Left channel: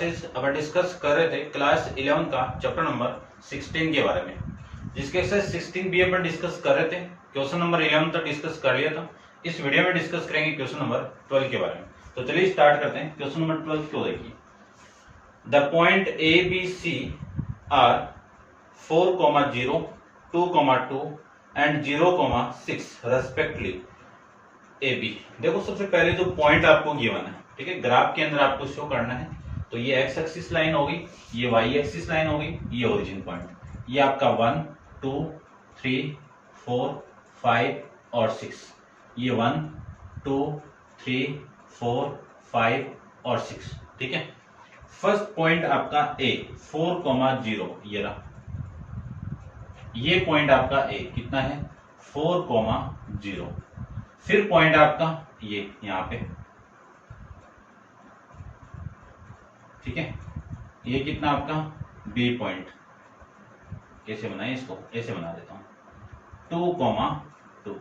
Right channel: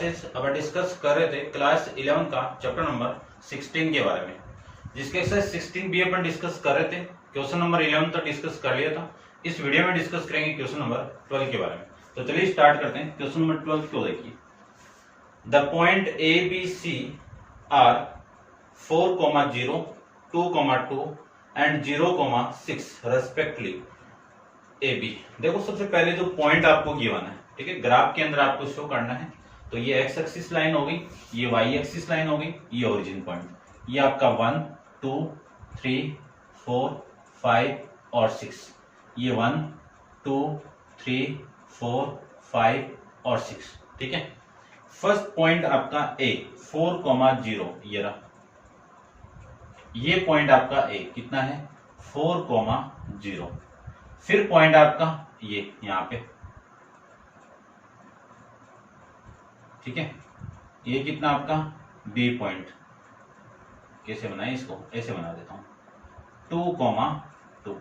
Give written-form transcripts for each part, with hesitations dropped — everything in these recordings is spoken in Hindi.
क्लासेस अब डिस्कस कर रहे थे क्लास 11 का चैप्टर नंबर 16 के बारे में, जिसके एक्सरसाइज 16 भी अपन डिस्कस कर रहे थे। क्वेश्चन नंबर 11 तक डिस्कस कर लिया था। इस वीडियो में डिस्कस करेंगे क्वेश्चन नंबर 12 के बारे में। तो चलिए स्टार्ट करते हैं। क्वेश्चन नंबर 12 क्यों देखिए, the point A B C R 4,0, 2,2 and 0,6 respectively A B. देखो सबसे पहले जो पॉइंट आपको गिवन है, ठीक है, ग्राफ के अंदर आपको शो करना है। तो ये एक्स एक्सिस लाइन होगी, ये वाई एक्सिस लाइन होगी, ये ओरिजिन पॉइंट, ये आपका 1, 2, 3, 4, 5 और 6। ये 1, 2, 3, 4, 5 और 6, ठीक है। फर्स्ट पॉइंट आपका ए 4,0 ये रहा, ये पॉइंट आपका ए कितना है 4,0। फिर पॉइंट आपका ये यहां पे, ठीक है, ये कितना आपका बी पॉइंट। कैसे बनाए इसको, ऐसे बना देता हूं 2,2।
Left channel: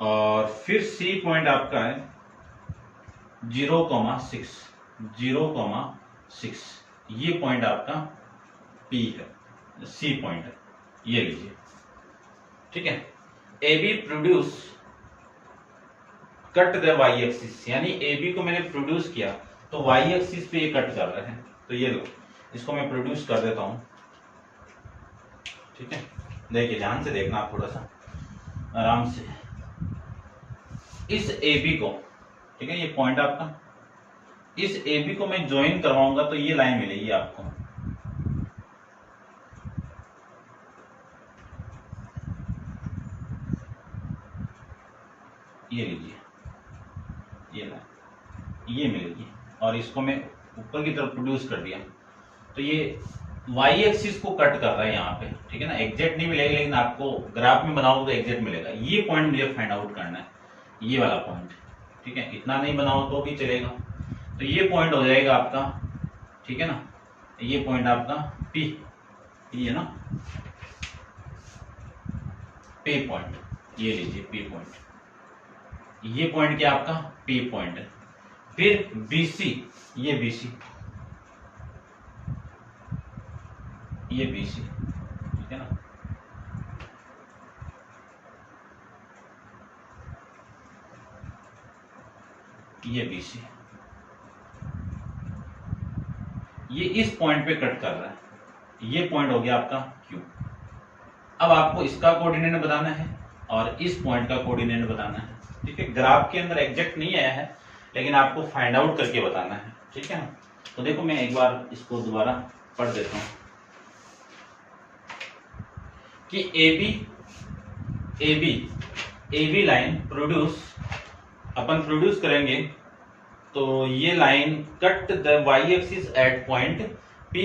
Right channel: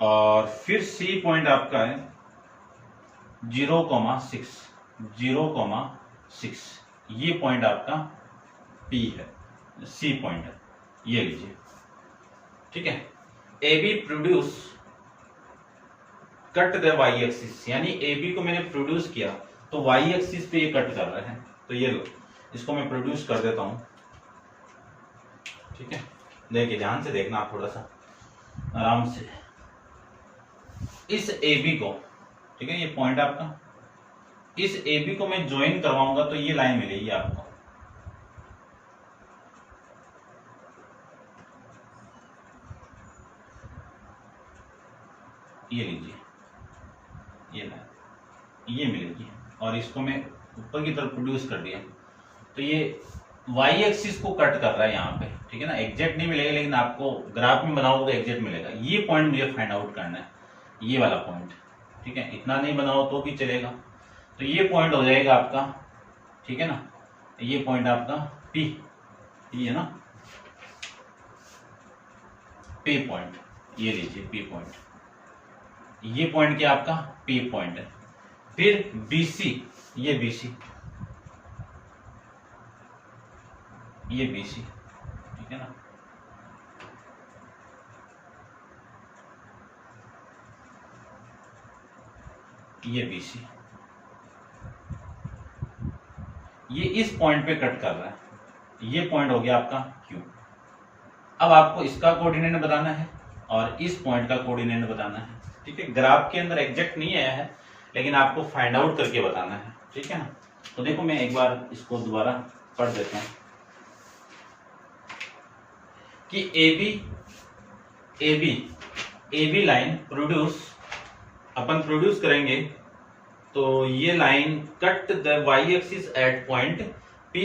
और फिर सी पॉइंट आपका है 0,6, 0,6। ये पॉइंट आपका पी है, सी पॉइंट है, ये लीजिए, ठीक है। A B produce cut the Y axis, यानी ए बी को मैंने प्रोड्यूस किया तो वाई एक्सिस पे ये कट कर रहे हैं। तो ये लो, इसको मैं प्रोड्यूस कर देता हूं, ठीक है। देखिए ध्यान से देखना आप, थोड़ा सा आराम से। इस ए बी को, ठीक है, ये पॉइंट आपका, इस ए बी को मैं ज्वाइन करवाऊंगा तो ये लाइन मिलेगी आपको, ये लीजिए, ये लाइन ये मिलेगी। और इसको मैं ऊपर की तरफ प्रोड्यूस कर दिया तो ये वाई एक्सिस को कट कर रहा है यहाँ पे, ठीक है ना। एग्जैक्ट नहीं मिलेगा, लेकिन आपको ग्राफ में बनाओ तो एग्जैक्ट मिलेगा। ये पॉइंट मुझे फाइंड आउट करना है, ये वाला पॉइंट, ठीक है। इतना नहीं बनाओ तो भी चलेगा। तो ये पॉइंट हो जाएगा आपका, ठीक है ना, ये पॉइंट आपका पी, ये है ना पी पॉइंट, ये लीजिए पी पॉइंट। ये पॉइंट क्या आपका पी पॉइंट है। फिर बीसी, ये बीसी, ये बीसी, ठीक है ना। ये बीसी, ये इस पॉइंट पे कट कर रहा है। ये पॉइंट हो गया आपका क्यू। अब आपको इसका कोऑर्डिनेट बताना है और इस पॉइंट का कोऑर्डिनेट बताना है, ठीक है। ग्राफ के अंदर एग्जैक्ट नहीं आया है, लेकिन आपको फाइंड आउट करके बताना है, ठीक है ना। तो देखो मैं एक बार इसको दोबारा पढ़ देता हूं कि ए बी लाइन प्रोड्यूस, अपन प्रोड्यूस करेंगे तो ये line cut the Y axis at point P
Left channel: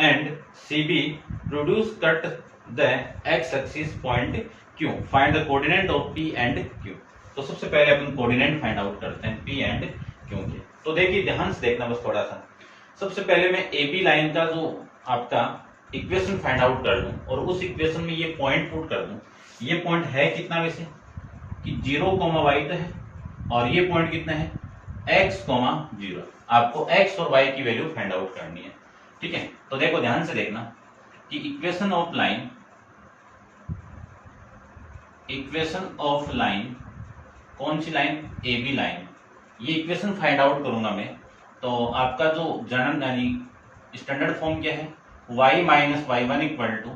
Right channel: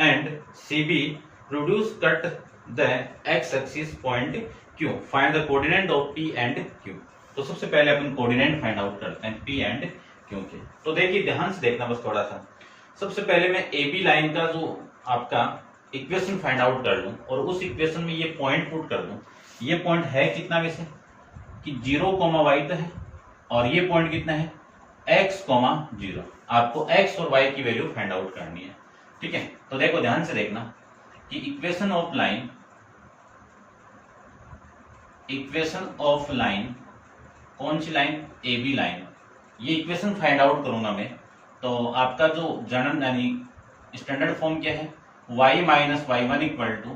and C B produce cut the X axis point Q. Find the coordinate of P and Q. तो सबसे पहले अपन कोऑर्डिनेट फाइंड आउट करते हैं पी एंड क्यू के। तो देखिए ध्यान से देखना बस थोड़ा सा। सबसे पहले मैं ए बी लाइन का जो आपका इक्वेशन फाइंड आउट कर लूं और उस इक्वेशन में ये पॉइंट पुट कर दूं। ये पॉइंट है कितना वैसे कि 0,y तो है, और ये पॉइंट कितना है x,0। आपको x और y की वैल्यू फाइंड आउट करनी है, ठीक है। तो देखो ध्यान से देखना कि इक्वेशन ऑफ लाइन, कौन सी लाइन, ए बी लाइन। ये इक्वेशन फाइंड आउट करूंगा मैं, तो आपका जो जनरल यानी स्टैंडर्ड फॉर्म क्या है, y minus y1 equal to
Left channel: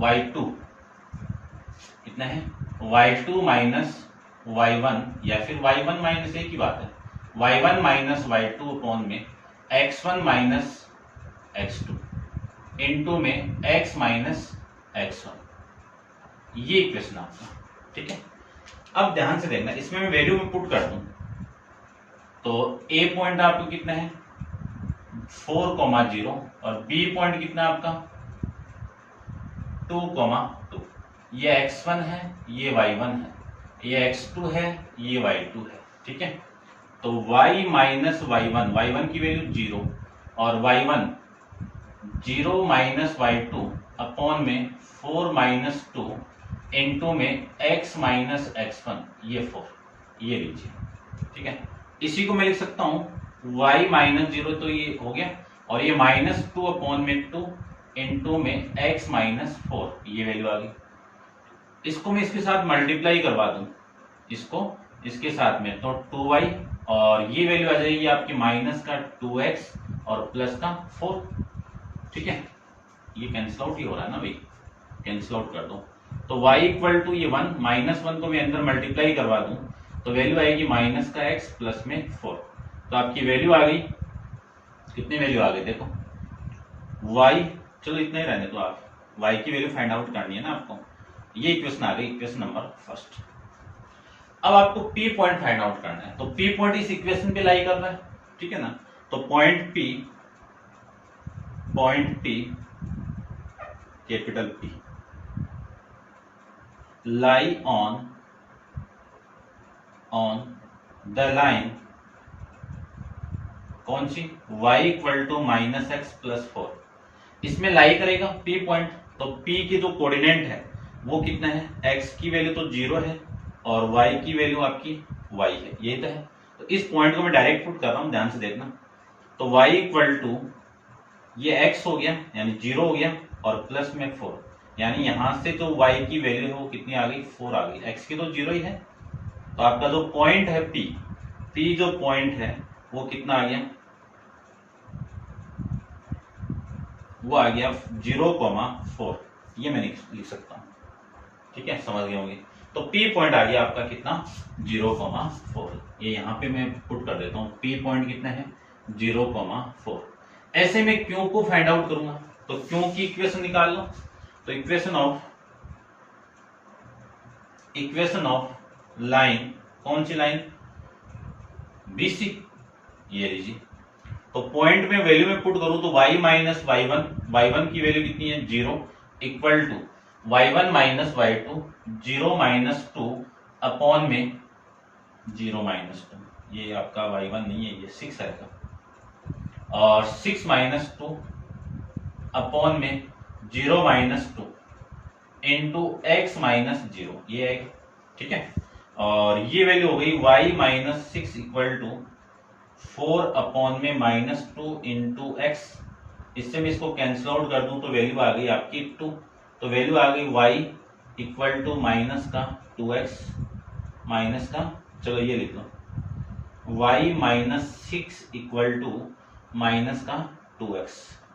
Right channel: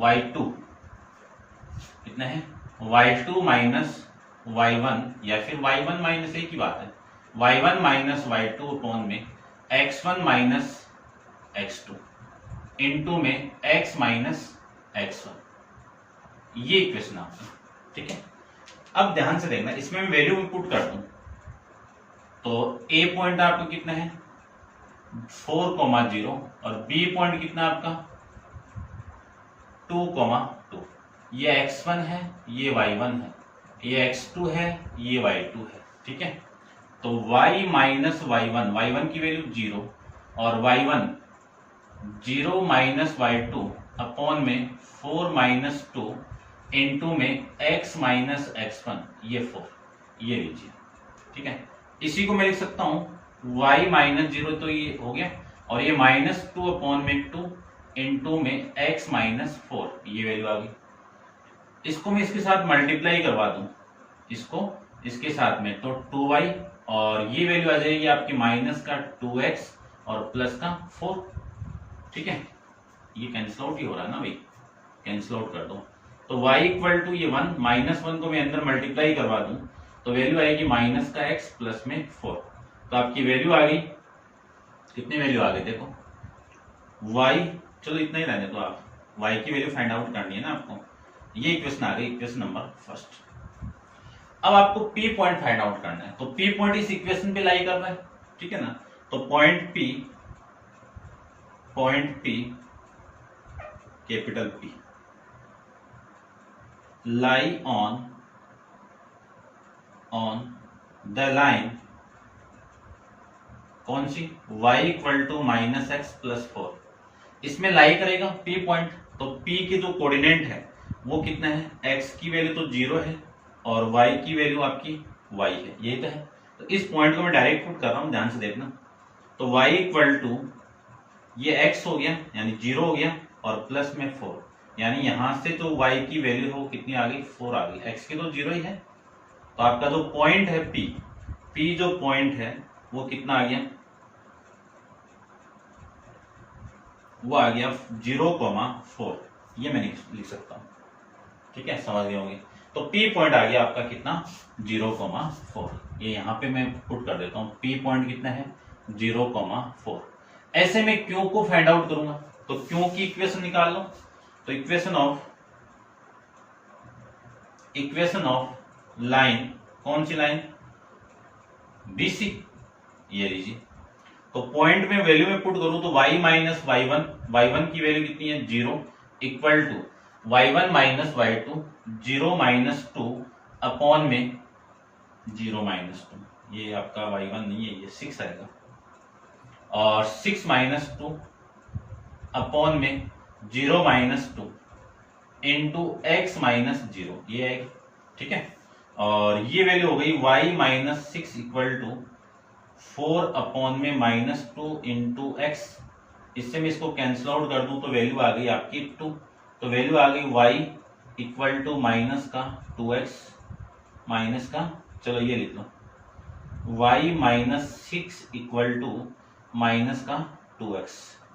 y2, कितना है y2 माइनस y1, या फिर y1 माइनस, एक ही बात है, y1 माइनस y2 अपॉन में x1 माइनस x2 इनटू में x माइनस x1। ये इक्वेशन आपका, ठीक है। अब ध्यान से देखना, इसमें मैं वैल्यू में पुट कर दूं तो ए पॉइंट आपको कितना है 4,0 और बी पॉइंट कितना आपका 2,2। ये x1 है, ये y1 है, ये x2 है, ये y2 है, ठीक है। तो y माइनस y1 की वैल्यू 0 और y1 0 माइनस y2 अपॉन में 4 माइनस 2 इनटू में x माइनस x1, ये 4, ये लीजिए, ठीक है। इसी को मैं लिख सकता हूं y माइनस 0 तो ये हो गया, और ये -2 अपॉन में 2 इंटू में x माइनस 4, ये वैल्यू आ गई। इसको मैं इसके साथ मल्टीप्लाई करवा दूं, इसको इसके साथ में, तो 2y, और ये वैल्यू आ जाएगी आपकी माइनस का 2x और प्लस का 4। ठीक है, ये कैंसिल आउट ही हो रहा है ना भाई, कैंसिल आउट कर दो। तो y इक्वल टू ये 1, -1 को मैं अंदर मल्टीप्लाई करवा दूं तो वैल्यू आएगी माइनस का x प्लस में 4। तो आपकी वैल्यू आ गई, कितनी वैल्यू आ गई देखो, y, चलो इतना ही रहने दो, आप y की वैल्यू फाइंड आउट करनी है ना आपको। ये इक्वेशन आ गई, इक्वेशन नंबर फर्स्ट। अब आपको P पॉइंट फाइंड आउट करना है, तो P पॉइंट इस इक्वेशन पे लाई कर रहा है, ठीक है ना। तो point P capital P lie on the line, कौन सी, y equal to minus X plus 4, इसमें लाई करेगा P पॉइंट। तो P की जो कोऑर्डिनेट है वो कितना है, x की वैल्यू तो 0 है और y की वैल्यू आपकी y है, ये तो है। तो इस पॉइंट को मैं डायरेक्ट पुट कर रहा हूं, ध्यान से देखना। तो y इक्वल टू ये x हो गया यानी 0 हो गया, और प्लस में 4, यानी यहां से तो y की वैल्यू है वो कितनी आ गई, 4 आ गई, x की तो 0 ही है। तो आपका जो पॉइंट है P जो पॉइंट है वो कितना आ गया, वो आ गया 0,4, ये मैं लिख सकता हूं, ठीक है, समझ गए होंगे। तो P पॉइंट आ गया आपका कितना, 0,4, ये यहाँ पे मैं पुट कर देता हूँ, P पॉइंट कितना है 0,4। ऐसे में Q को फाइंड आउट करूंगा, तो Q की इक्वेशन निकाल लो। तो इक्वेशन ऑफ लाइन, कौन सी लाइन, BC, ये लीजिए। तो पॉइंट में वैल्यू में पुट करूं तो y माइनस y1 की वैल्यू कितनी है 0, equal to y1 minus y2, 0 minus 2 upon में 0 माइनस 2, ये आपका y1 नहीं है, ये 6 आएगा, और 6 माइनस 2 अपॉन में 0 माइनस 2 इंटू एक्स माइनस 0, ये आएगी, ठीक है। और ये वैल्यू हो गई y minus 6 equal to 4 upon में -2 इंटू एक्स। इससे मैं इसको कैंसिल आउट कर दूं तो वैल्यू आ गई आपकी 2। तो वैल्यू आ गई y इक्वल टू माइनस का 2x माइनस का, चलो ये लिख लो, y minus 6 equal to minus का 2x,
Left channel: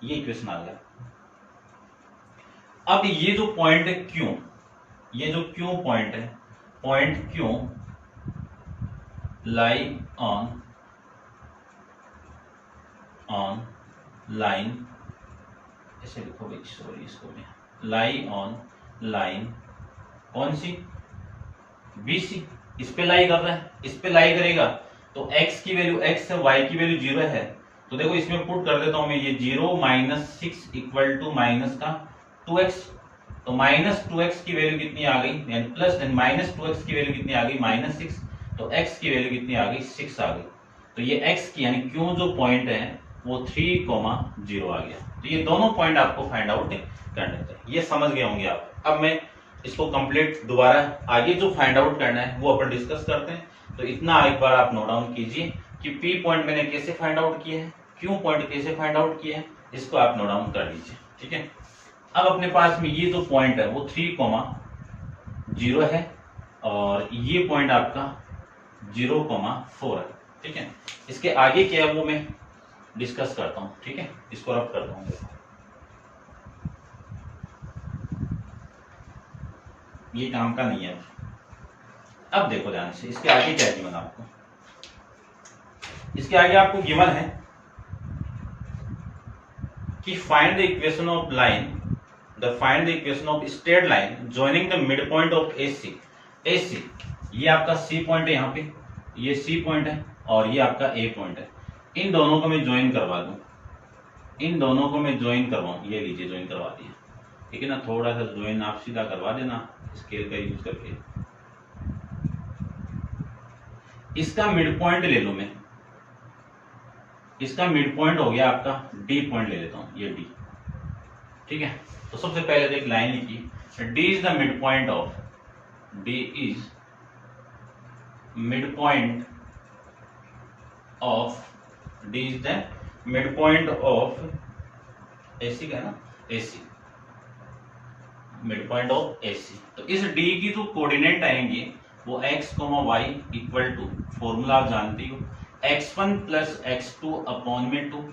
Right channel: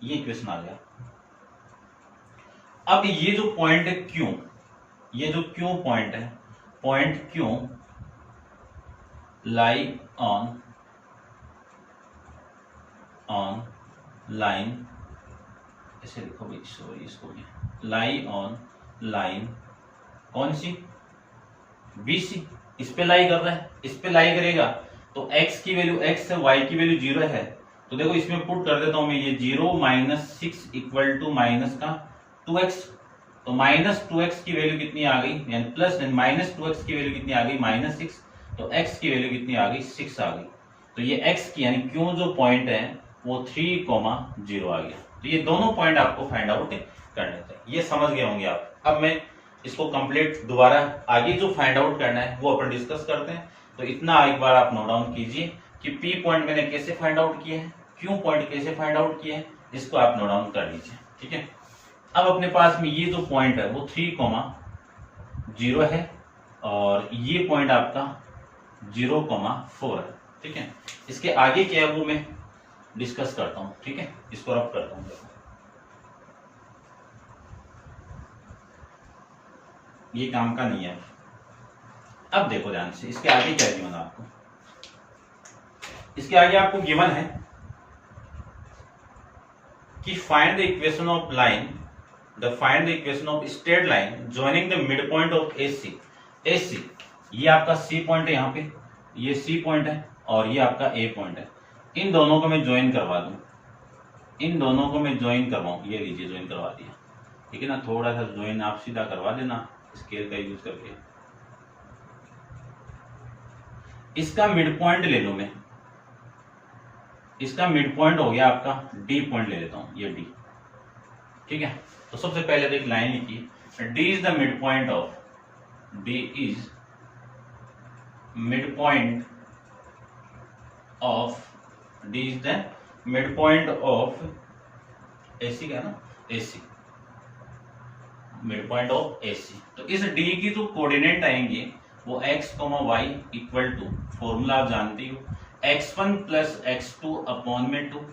ये इक्वेशन आ गया। अब ये जो पॉइंट है Q, ये जो Q पॉइंट है, point Q lie on line, ऐसे लिखो भाई, सॉरी इसको भी, लाई ऑन लाइन, कौन सी, BC, इस पे लाई कर रहा है, इस पे लाई करेगा तो x की वैल्यू x है, y की वैल्यू 0 है। तो देखो इसमें पुट कर देता हूं मैं, ये 0 माइनस 6 इक्वल टू माइनस का 2x। तो माइनस 2x की वैल्यू कितनी आ गई, यानी प्लस माइनस 2x की वैल्यू कितनी आ गई, -6। तो x की वैल्यू कितनी आ गई, 6 आ गई। तो ये x की यानी Q जो पॉइंट है वो 3,0 आ गया। तो ये दोनों पॉइंट आपको फाइंड आउट करने थे, ये समझ गए होंगे आप। अब मैं इसको कंप्लीट दोबारा आगे जो फाइंड आउट करना है वो अपन डिस्कस करते हैं। तो इतना एक बार आप नोट डाउन कीजिए कि P पॉइंट मैंने कैसे फाइंड आउट किए हैं, Q पॉइंट कैसे फाइंड आउट किए हैं, इसको आप नोट डाउन कर लीजिए, ठीक है। अब अपने पास में ये जो पॉइंट है वो 3,0 है, और ये पॉइंट आपका 0,4 है, ठीक है। इसके आगे क्या है वो मैं डिस्कस करता हूं, ठीक है, इसको रफ करता हूं। ये काम का नहीं है। अब देखो ध्यान से, इसके आगे क्या गिवन आपको, इसके आगे आपको गिवन है कि find the equation of line, find the equation of straight line joining the mid point of AC। ये आपका C पॉइंट है, यहाँ पे ये C पॉइंट है और ये आपका A पॉइंट है। इन दोनों को मैं ज्वाइन करवा दूं, इन दोनों को मैं ज्वाइन करवाऊं, ये लीजिए ज्वाइन करवा दिया, ठीक है ना। थोड़ा सा ज्वाइन आप सीधा करवा देना स्केल का यूज करके। इसका मिड पॉइंट ले लो मैं, इसका मिड पॉइंट हो गया आपका D पॉइंट ले लेता हूं, ये D, ठीक है। तो सबसे पहले तो एक लाइन लिखी, D is the mid point of, D is mid point of D is the mid point of AC का ना, AC mid point of AC. तो इस डी की जो कोऑर्डिनेट आएंगे वो x, y equal to, formula आप जानती हो, x1 प्लस x2 अपॉन में 2,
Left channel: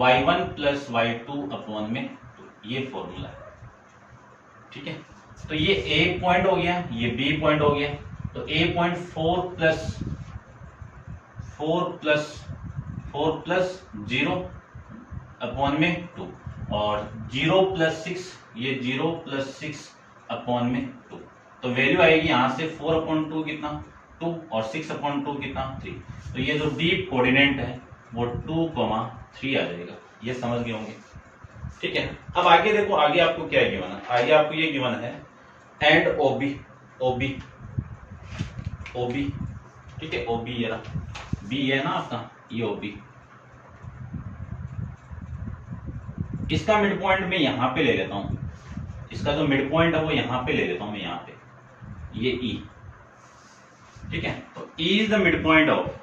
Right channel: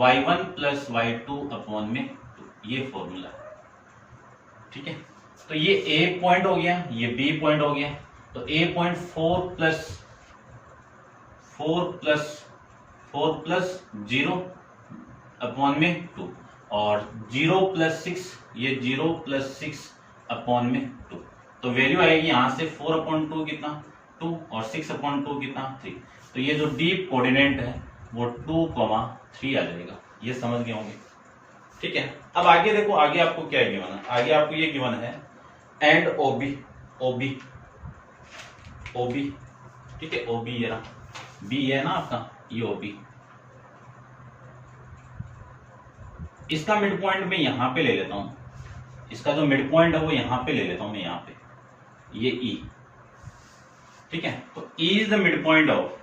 y1 प्लस y2 अपॉन में 2, ये फॉर्मूला है। ठीक है, तो ये a पॉइंट हो गया, ये b पॉइंट हो गया। तो a पॉइंट 4 प्लस 0 अपॉन में 2, और 0 प्लस 6, ये 0 प्लस 6 अपॉन में 2। तो वैल्यू आएगी यहाँ से 4/2 कितना, 2, और 6/2 कितना, 3। तो ये जो डीप कोऑर्डिनेट है वो 2,3 आ जाएगा। ये समझ गए होंगे। ठीक है, अब आगे देखो, आगे आपको क्या गिवन है। आगे आपको ये गिवन है एंड ओबी, ठीक है, ओबी ये रहा, बी है ना आपका, ये ओबी। इसका मिड पॉइंट मैं यहां पे ले लेता हूं, इसका जो मिड पॉइंट है वो यहां पे ले लेता हूं मैं, यहां पे ये E। ठीक है, तो E is the mid point of,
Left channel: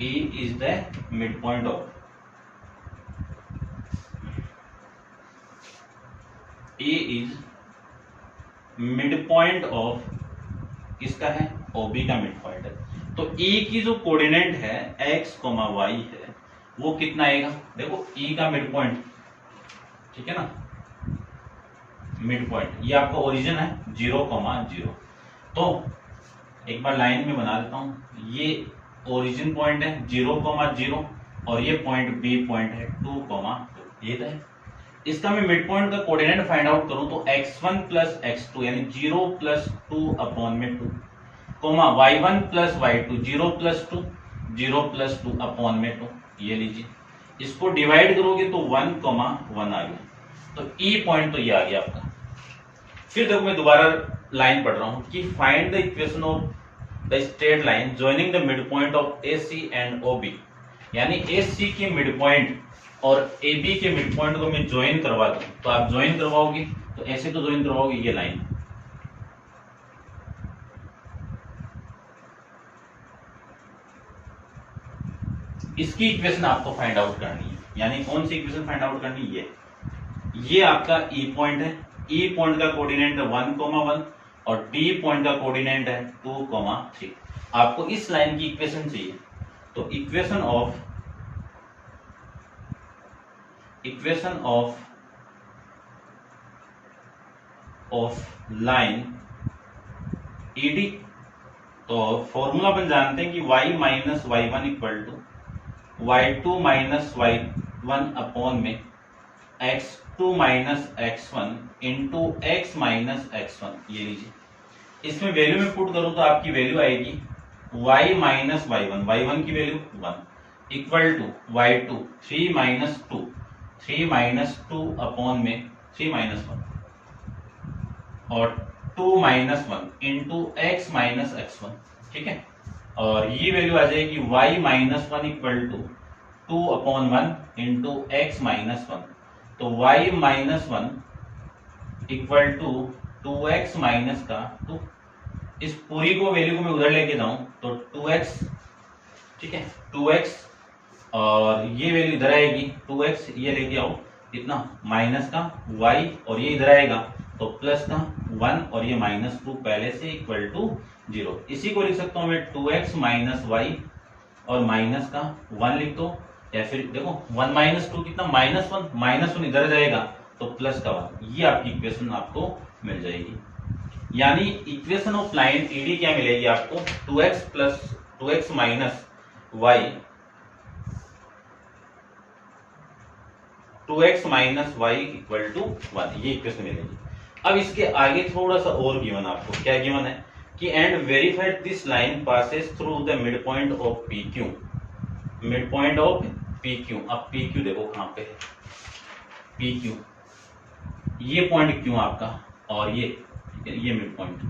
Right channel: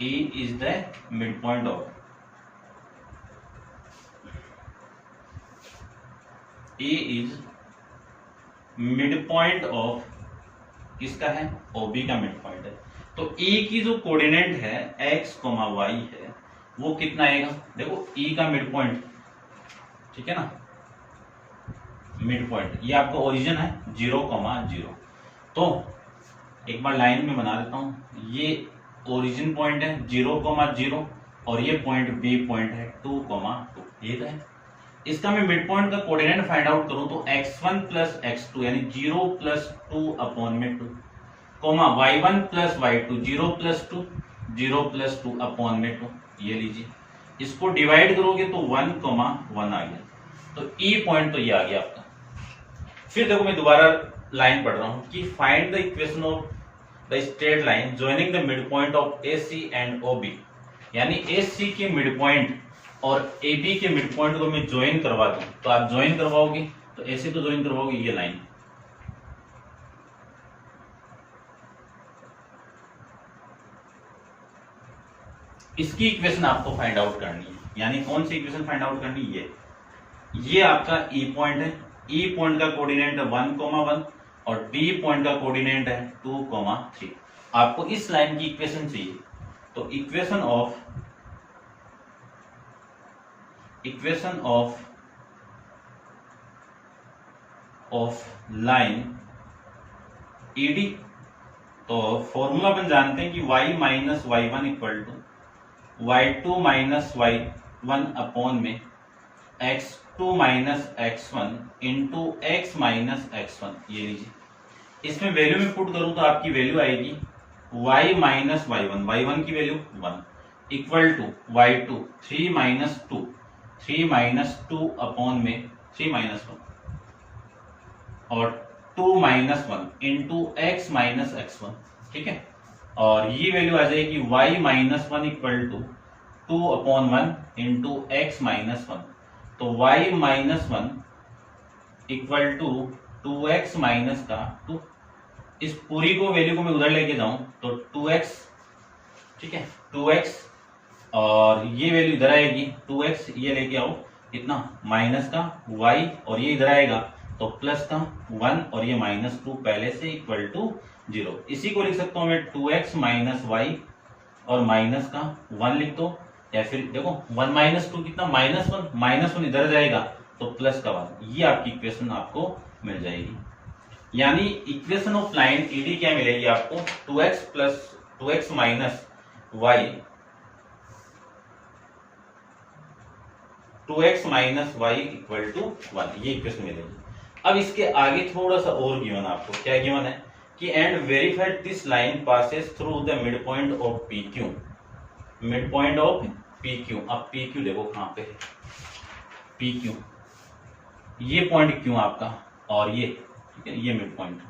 E is the mid point of, E is mid point of, किसका है, OB का मिड पॉइंट है। तो E की जो कोऑर्डिनेट है x, y है, वो कितना आएगा, देखो E का मिड पॉइंट, ठीक है ना, मिड पॉइंट, ये आपका ओरिजिन है 0,0। तो एक बार लाइन में बना देता हूं, ये ओरिजिन पॉइंट है 0,0, और ये पॉइंट B पॉइंट है 2,2। ये है, इसका मैं मिड पॉइंट का कोऑर्डिनेट फाइंड आउट करूं तो x1 प्लस x2 यानी 0 प्लस 2 अपॉन में 2, y1 plus y2 0 plus 2, 0 plus 2 upon में 2। ये लीजिए, इसको डिवाइड करोगे तो 1,1 आ गया। तो E पॉइंट तो ये आ गया आपका। फिर देखो मैं दोबारा लाइन पढ़ रहा हूं कि find the equation of the straight line joining the mid point of AC and OB, यानी AC के मिड पॉइंट और AB के मिड पॉइंट को मैं ज्वाइन करवा दूं, तो आप ज्वाइन करवाओगे तो ऐसे तो ज्वाइन करवाओगे ये लाइन, इसकी इक्वेशन आपको फाइंड आउट करनी है। यानी कौन सी इक्वेशन फाइंड आउट करनी है, ये आपका E पॉइंट है, E पॉइंट का कोऑर्डिनेट है 1,1 और D पॉइंट का कोऑर्डिनेट है 2,3। आपको इस लाइन की इक्वेशन चाहिए, तो इक्वेशन ऑफ लाइन ED, तो फॉर्मूला अपन जानते हैं कि y minus y1 equal to y2 minus y1 upon में x2 minus x1 into x minus x1। ये लीजिए, इसमें वैल्यू में पुट करूं तो आपकी वैल्यू आएगी y माइनस y1 की value 1 equal to y2 3 minus 2, 3 minus 2 upon में 3 माइनस 1 और 2 minus 1 into x minus x1। ठीक है, और ये वैल्यू आ जाएगी y minus 1 equal to 2 upon 1 into x minus 1। तो y minus 1 equal to 2x minus का 2। इस पूरी को वैल्यू को मैं उधर लेके जाऊं तो 2x, ठीक है 2x, और ये वैल्यू इधर आएगी 2x, ये लेके आओ इतना माइनस का y, और ये इधर आएगा तो प्लस का 1 और ये माइनस 2 पहले से इक्वल टू 0। इसी को लिख सकता हूं मैं 2x माइनस y और माइनस का 1 लिख दो, या फिर देखो 1 माइनस 2 कितना, माइनस 1 इधर जाएगा तो प्लस का 1। ये आपकी इक्वेशन आपको मिल जाएगी। यानी इक्वेशन ऑफ लाइन ED क्या मिलेगी आपको, 2x minus y, 2x minus y equal to 1, ये इक्वेशन मिलेगी। अब इसके आगे थोड़ा सा और गिवन आपको, क्या गिवन है कि and verified this line passes through the mid point of PQ, mid point of PQ। अब PQ देखो कहां पे है, PQ ये पॉइंट Q आपका, और ये ठीक है, ये मिड पॉइंट,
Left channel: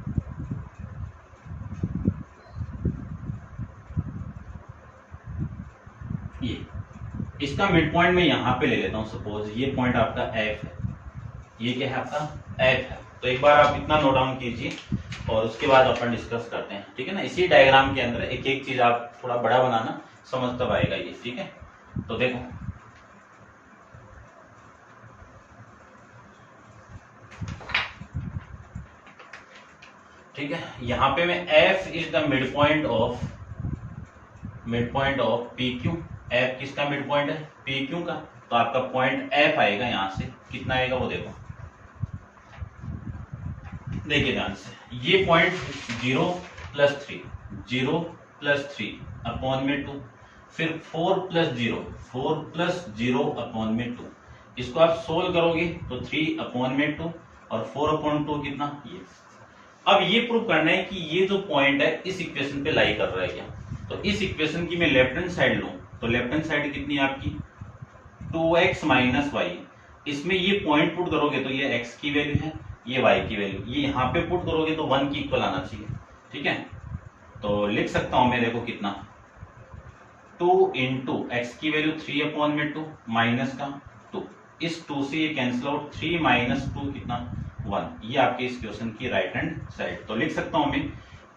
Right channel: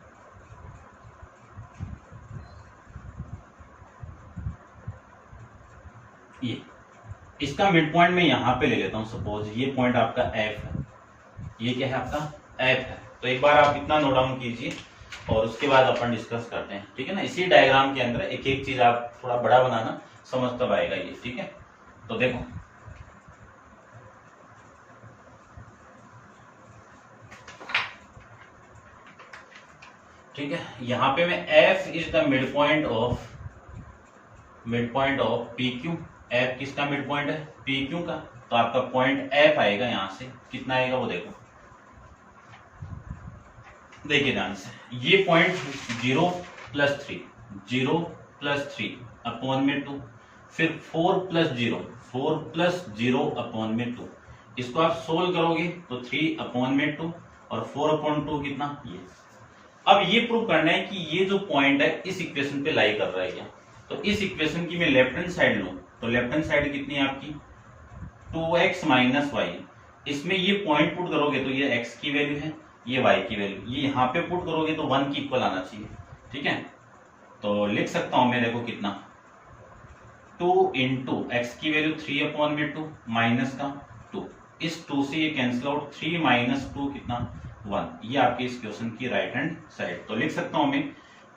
ये इसका मिड पॉइंट मैं यहां पे ले लेता हूं। सपोज ये पॉइंट आपका F है, ये क्या है आपका F है। तो एक बार आप इतना नोट डाउन कीजिए और उसके बाद अपन डिस्कस करते हैं, ठीक है ना। इसी डायग्राम के अंदर एक एक चीज आप थोड़ा बड़ा बनाना, समझ तब आएगा ये, ठीक है। तो देखो ठीक है, यहाँ पे मैं f is the mid point of P Q. f किसका मिड पॉइंट है? पी क्यू का। तो आपका पॉइंट f आएगा, यहाँ से कितना आएगा वो देखो, देखिए ध्यान से, ये पॉइंट 0+3 0+3 अपॉन में 2, फिर 4+0 अपॉन में 2। इसको आप सोल्व करोगे तो 3 अपॉन में 2 और 4/2 कितना, ये। अब ये प्रूव करना है कि ये जो पॉइंट है इस इक्वेशन पे लाई कर रहा है क्या। तो इस इक्वेशन की मैं लेफ्ट हैंड साइड लूं तो लेफ्ट हैंड साइड कितनी है आपकी 2x - y। इसमें ये पॉइंट पुट करोगे तो ये x की वैल्यू है, ये y की वैल्यू, ये यहाँ पे पुट करोगे तो 1 की इक्वल आना चाहिए, ठीक है। तो लिख सकता हूं मैं, देखो कितना 2 × x की वैल्यू 3/2 माइनस का 2, इस 2 से ये कैंसिल आउट, 3 - 2 कितना 1। ये आपके इस क्वेश्चन की राइट हैंड साइड। तो लिख सकता हूं मैं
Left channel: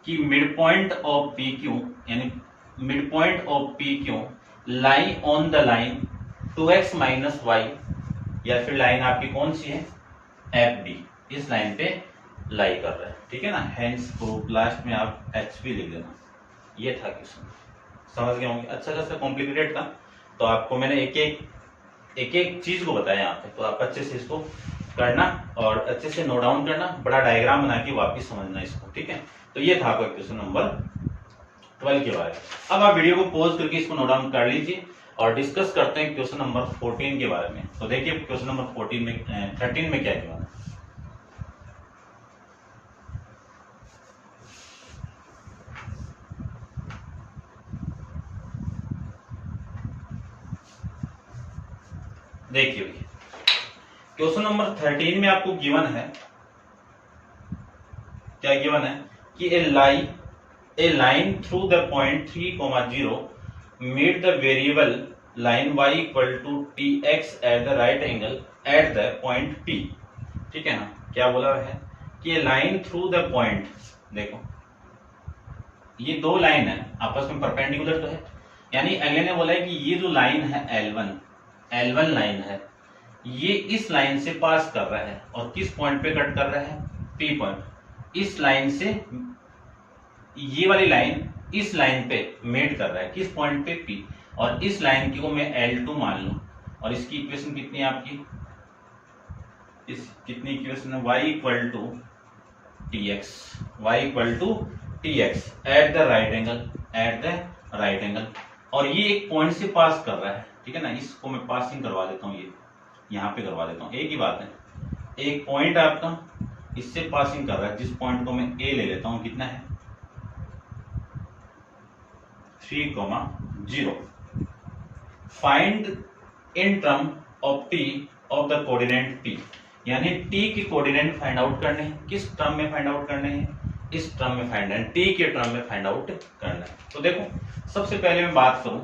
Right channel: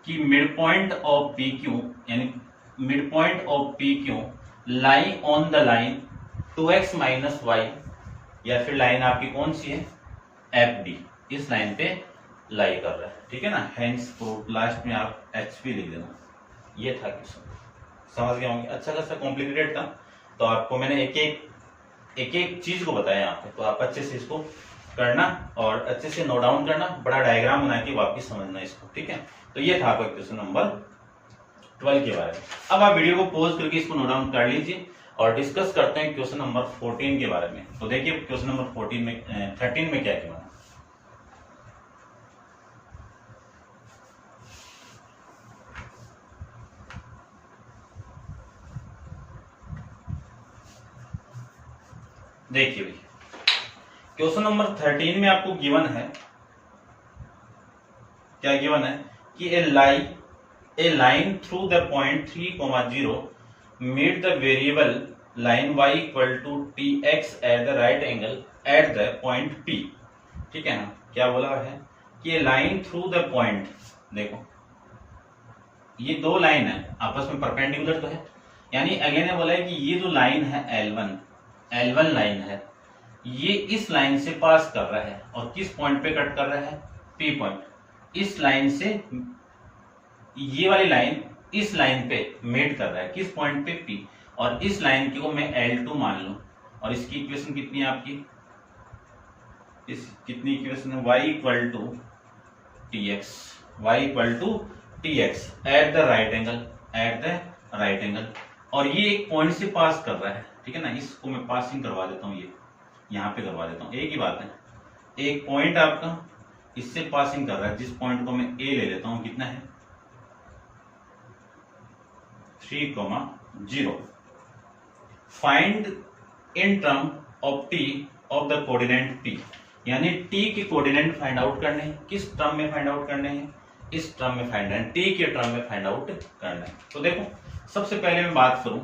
कि mid point of P Q, यानी mid point of P Q lie on the line 2x - y, या फिर लाइन आपकी कौन सी है FD, इस लाइन पे लाई कर रहा है, ठीक है ना। हेंस प्रूफ, लास्ट में आप HP लिख देना। ये था क्वेश्चन, समझ गए होंगे। अच्छा खासा कॉम्प्लिकेटेड था, तो आपको मैंने एक एक चीज को बताया यहाँ पे, तो आप अच्छे से इसको करना और अच्छे से नोट डाउन करना, बड़ा डायग्राम बना के वापिस समझना इसको, ठीक है। तो ये था आपका क्वेश्चन नंबर 12 के बारे में। अब आप वीडियो को पॉज करके इसको नोट डाउन कर लीजिए और डिस्कस करते हैं क्वेश्चन नंबर 14 के बारे में। तो देखिए क्वेश्चन नंबर 13 में क्या किया है। देखिए भैया, क्वेश्चन नंबर 13 में आपको गिवन है, क्या गिवन है कि a line through the point 3,0 meet the variable line y = tx at the right angle at the point P, ठीक है ना। क्या बोला है कि लाइन थ्रू द पॉइंट, देखो ये दो लाइन है आपस में परपेंडिकुलर तो है, यानी अगले ने बोला है कि ये जो लाइन है L1 लाइन है, ये इस लाइन से पास कर रहा है और किस पॉइंट पे कट कर रहा है P पॉइंट। इस लाइन से ये वाली लाइन इस लाइन पे मेट कर रहा है, किस पॉइंट पे P, और इस लाइन की को मैं L2 मान लूं। और इसकी इक्वेशन कितनी है आपकी, इस कितनी इक्वेशन है, y = tx at the right angle, और ये एक पॉइंट से पास कर रहा है, ठीक है ना। इसको मैं पासिंग करवा देता हूँ, ये यहाँ पे करवा देता हूँ, एक ही बात है। एक पॉइंट आपका इससे पासिंग कर रहा है, जिस पॉइंट को मैं A ले लेता हूँ, कितना है 3,0। Find in term of T of the coordinate P, यानी T के कोऑर्डिनेट फाइंड आउट करने हैं। किस टर्म में फाइंड आउट करने हैं, इस टर्म में फाइंड है, T के टर्म में फाइंड आउट करना है। तो देखो सबसे पहले मैं बात करूं,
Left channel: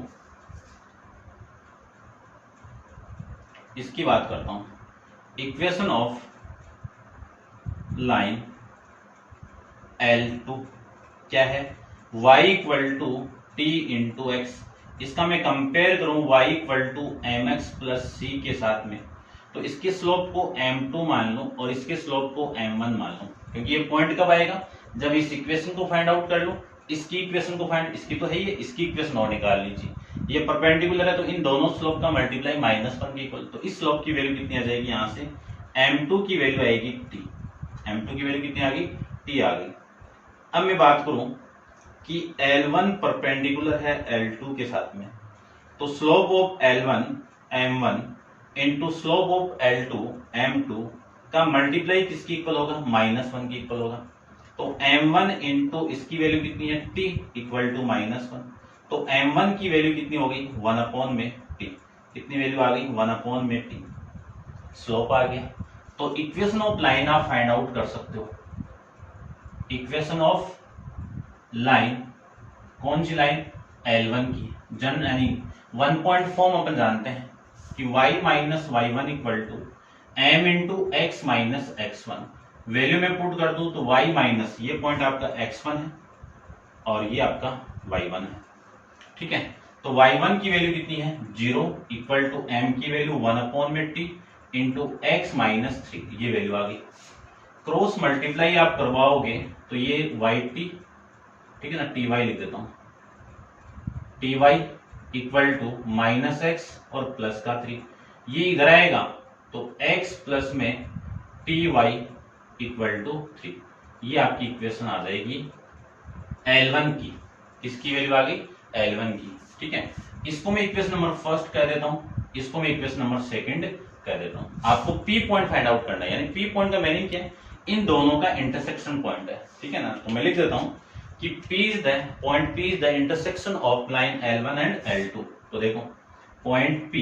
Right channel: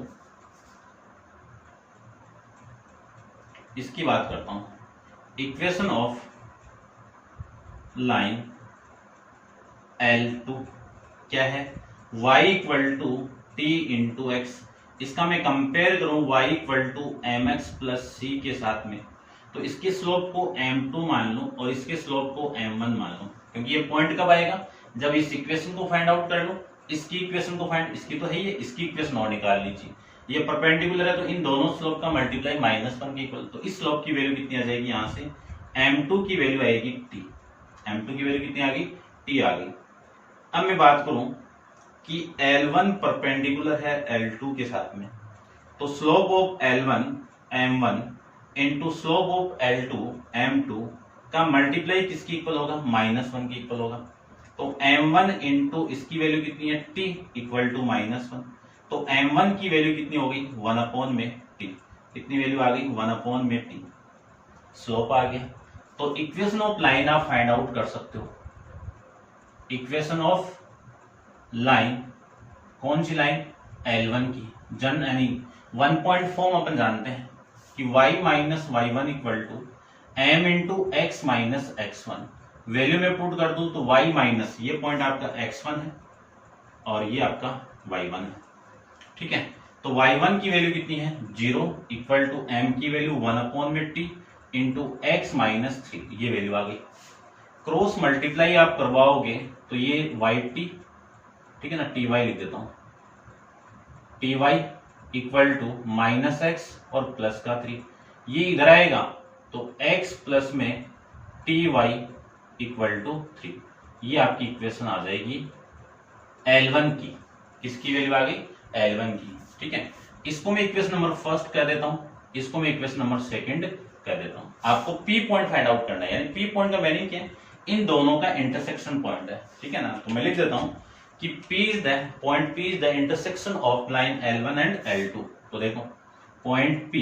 इसकी बात करता हूं, इक्वेशन ऑफ लाइन L2 क्या है, y = t × x। इसका मैं कंपेयर करूं y = mx + c के साथ में, तो इसके स्लोप को m2 मान लूं और इसके स्लोप को m1 मान लूं, क्योंकि ये पॉइंट कब आएगा, जब इस इक्वेशन को फाइंड आउट कर लूं। इसकी इक्वेशन को फाइंड, इसकी तो है ही, इसकी इक्वेशन और निकाल लीजिए। ये परपेंडिकुलर है तो इन दोनों स्लोप का मल्टीप्लाई -1 के इक्वल, तो इस स्लोप की वैल्यू कितनी आ जाएगी, यहाँ से m2 की वैल्यू आएगी t, m2 की वैल्यू कितनी आ गई, t आ गई। अब मैं बात करूं कि L1 परपेंडिकुलर है L2 के साथ में, तो slope of L1 m1 into slope of L2 m2 का मल्टीप्लाई किसकी इक्वल होगा, -1 की इक्वल होगा। तो m1 इंटू इसकी वैल्यू कितनी है t = -1, तो m1 की वैल्यू कितनी हो गई 1/t, कितनी वैल्यू आ गई 1/t, स्लोप आ गया। तो इक्वेशन ऑफ लाइन आप फाइंड आउट कर सकते हो। इक्वेशन ऑफ लाइन, कौन सी लाइन, L1 की, जन यानी 1 पॉइंट फॉर्म अपन जानते हैं कि y - y1 = m × x - x1। Value में पुट कर दूं तो y माइनस, ये पॉइंट आपका x1 है और ये आपका y1 है, ठीक है। तो तो y1 की वैल्यू कितनी है 0 इक्वल टू m की value 1/t into x minus 3, ये वैल्यू आ गई। क्रॉस मल्टीप्लाई आप करवाओगे तो ये yt, ठीक है ना, ty लिख देता हूं, ty equal to minus X और प्लस का 3, ये इधर आएगा तो x प्लस में ty इक्वल टू 3, ये आपकी इक्वेशन आ जाएगी L1 की। किसकी वैल्यू आ गई L1 की, ठीक है। इसको मैं इक्वेशन नंबर फर्स्ट कह देता हूं, इसको मैं इक्वेशन नंबर सेकंड कह देता हूं। आपको P पॉइंट फाइंड आउट करना है, यानी P पॉइंट का मीनिंग क्या है, इन दोनों का इंटरसेक्शन पॉइंट है, ठीक है ना। तो मैं लिख देता हूं कि P is the intersection of line L1 and L2। तो देखो point P